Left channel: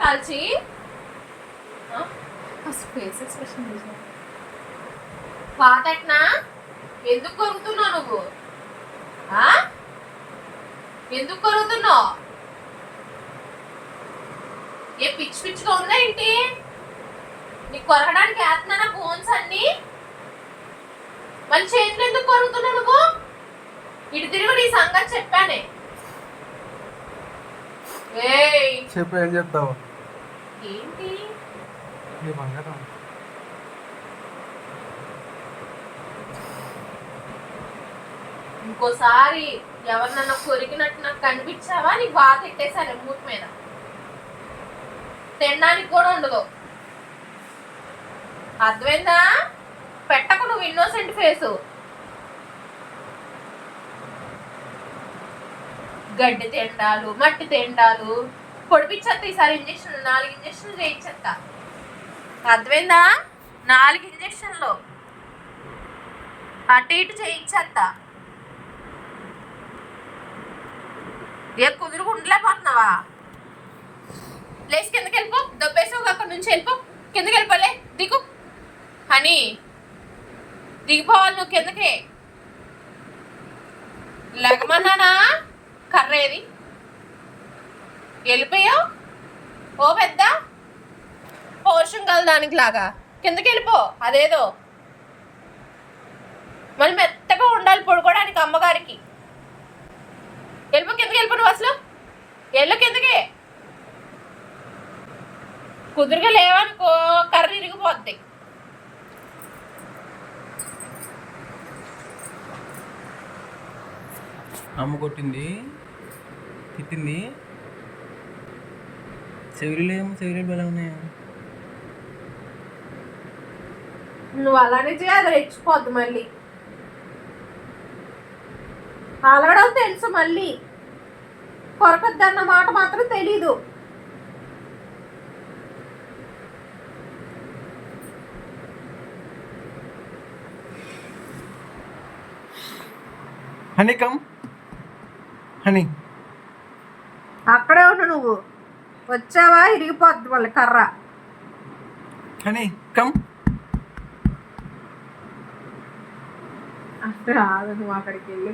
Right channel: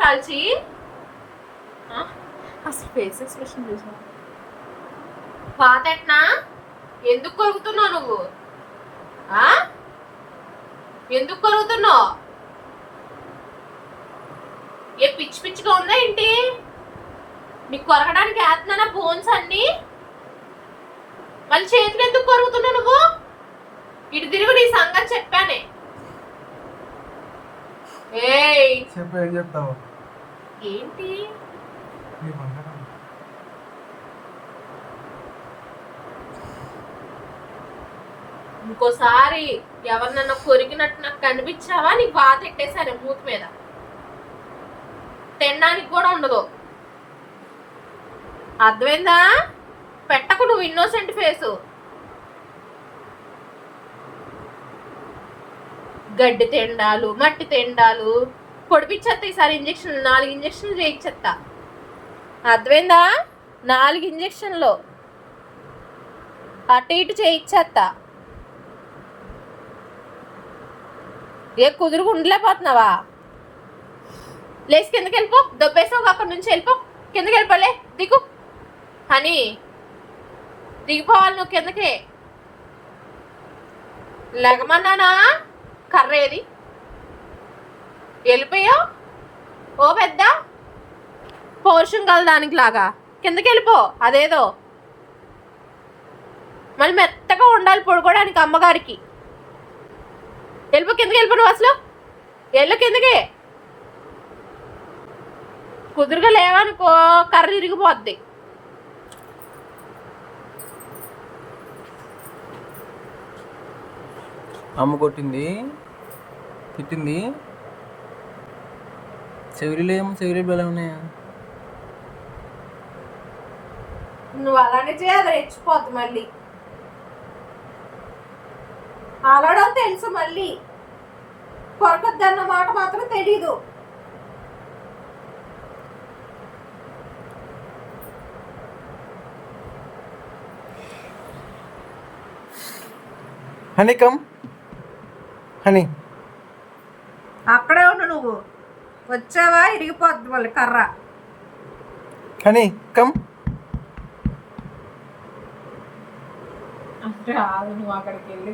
కాల్చి? అసలు face expression చూసా పాతెట్నా ఎందుకు కొరుకుతున్నావు నువ్వు? ఎందుకు కొరుకుతున్నావు ఏ పిచ్చి పిచ్చిగా ఉందా ఏంటి? నీకు కొరకడానికి వేస్తున్నానా బోన్స్ అన్ని? మళ్ళీ చేతులు ఎందుకు కొరుకుతున్నావు నువ్వు? ఇటు తిరిగి నీ సంగతి చెప్పానే. చెప్పు ఏం చెప్తావు? ఏంటి? ఇంకోసారి ఎవరినన్నా కొరికినట్టు నాకు కనిపించావా? నీకు బాధ ఎట్టేశాను మూతి మీద. తినడానికి కూడా ఉండదు. అర్థమైందా? పెట్టకు నువ్వు ఇన్నోసెంట్ ఫేసు గడ్డి తిండాలు మట్టి తిండాలు. పొడిపించేస్తా ఈసారి ఇంజక్షన్లు నాలుగు ఇంజక్షన్లు చేయించేస్తా అర్థమైందా? నాలుగు ఇంజక్షన్లు. అటు ఇటు చేయించేస్తా ఏ కుదురుగా ఉండలేకపోతున్నావా? లేచి కిందకి వెళ్ళిపో దొబ్బేసావు అక్కడ నుంచి వెళ్ళిపో. కిందకి వెళ్ళిపోలే దిగు. హనీ దిగిపోవాలి నువ్వు కిందకి. లెగమన్నానా? కర్ర ఏది వెళ్ళిపోయావు ఓ పెద్ద? పోర్షన్ కదా దానికి లాగా కిందకి వెళ్ళిపో అదేదో. మళ్ళీ మెత్తగా ఉండాలి పడుకోవడానికి అమ్మగారికి. వెళ్ళిపో కిందకి వెళ్ళిపో నువ్వు అసలు. వెళ్ళు కిందకి. కుదురుగా లేవనుకో కర్ర ఇరిగిపోద్ది. అమ్మ కొట్టింది తిట్టింది. చెవిరిలో ఏమో చెవిరిలు ఎలా ఉన్నాయా? నువ్వు అలానే చేయదు రెచ్చిపోద్ది మళ్ళీ. అలాడో తెలుసు మళ్ళీ. కొరకద్దన్న మాట మాత్రం తెలీదు. Honey honey. అక్కడే ఉండు నువ్వు. వచ్చావా? ఇరిగిపోద్ది మళ్ళీ కర్ర. Honey come. అంటే రాదు నువ్వు అక్కడికి వెళ్ళి